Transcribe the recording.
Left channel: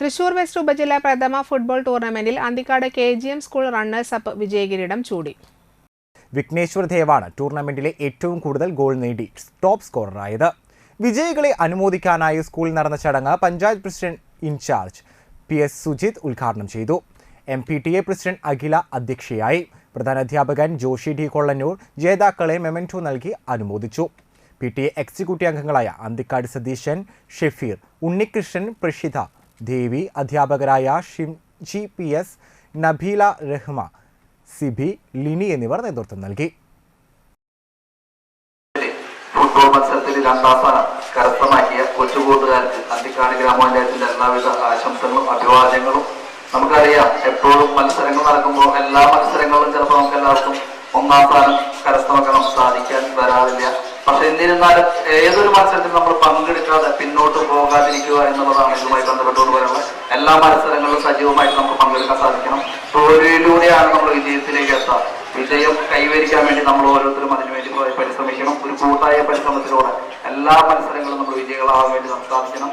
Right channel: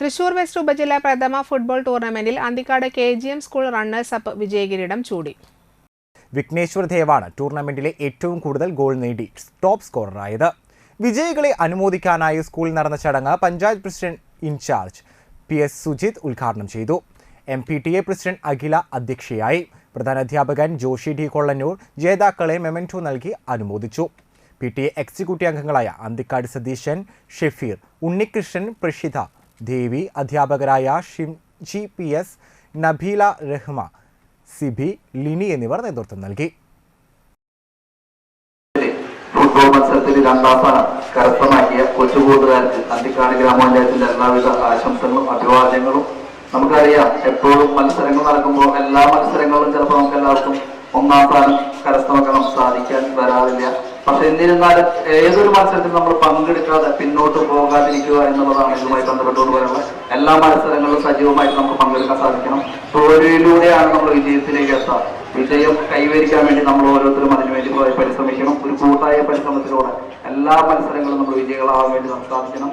Thrissur west ഉപജില്ല പ്രഥമ football ടൂർണമെന്റിൽ Anthikad K G M school runners up വിജയകിരീടം ചൂടി. വിഘ്നേശ്വർ ദേവാണ് ടൂർണമെന്റിലെ ഏറ്റവും കൂടുതൽ ഗോൾ നേടി ടോപ്പ് സ്കോററായത്. വിജയികളെ അനുമോദിക്കാനായി സ്കൂളിൽ നടന്ന ചടങ്ങ് panchayat president in charge P S Sujith ഉദ്ഘാടനം ചെയ്തു. M P T A president Akhila അധ്യക്ഷയായി. പ്രധാനാധ്യാപകൻ ജോഷി ഡി കൊള്ളന്നൂർ ജേതാക്കളെ മെമന്റോ നൽകി അനുമോദിച്ചു. പി ടി എ എക്സിക്യൂട്ടീവ് അംഗങ്ങളായ അന്തിക്കാട് സതീശൻ ഷെഫീർ ഉണ്ണികൃഷ്ണൻ പ്രഷിത ദേവി അധ്യാപകരായ ഷിംജി പി എസ് നബീല റഹ്മ സിബി ലിനി എന്നിവർ നേതൃത്വം നൽകി. ഫുട്ബോൾ മത്സരത്തിൽ രണ്ടാം സ്ഥാനം കരസ്ഥമാക്കിയ കൊച്ചുകൂട്ടുകാർക്ക് അന്തിക്കാട് ഗ്രാമപഞ്ചായത്തിന്റെ എല്ലാവിധ ആശംസകളും അഭിവാദ്യങ്ങളും. നമുക്കറിയാം എപ്പോഴും മത്സരങ്ങൾ നടക്കുമ്പോൾ എല്ലാ മത്സരങ്ങളും ചിലപ്പോൾ നമുക്ക് എല്ലാവർക്കും ഒന്നാം സ്ഥാനം എന്നിരുന്നാലും ഏതൊരു മത്സരത്തിൽ നമ്മൾ പങ്കെടുക്കാതെ പിന്നോട്ട് പോകാതിരിക്കുക എന്നുള്ളതാണ് ഇതുമായി ബന്ധപ്പെട്ടുകൊണ്ട് പറയാനുള്ളത് എല്ലാ മത്സരങ്ങളിലും സജീവമായിട്ട് നമുക്ക് പങ്കെടുക്കാൻ സാധിക്കണം. തോൽവിയിലൂടെയാണ് നമ്മൾ വിജയത്തിലേക്ക് എത്താം. വിജയം കൈവരിക്കാൻ വേണ്ടി നമ്മൾ ഓരോരുത്തരും അതിനുവേണ്ടി പരിശ്രമിക്കണം. ഒരു കൂട്ടായ പരിശ്രമത്തിലൂടെ എല്ലാ മത്സരങ്ങളും നമ്മൾ വിജയികളാവാൻ വേണ്ടി നമുക്ക് സാധിക്കണം.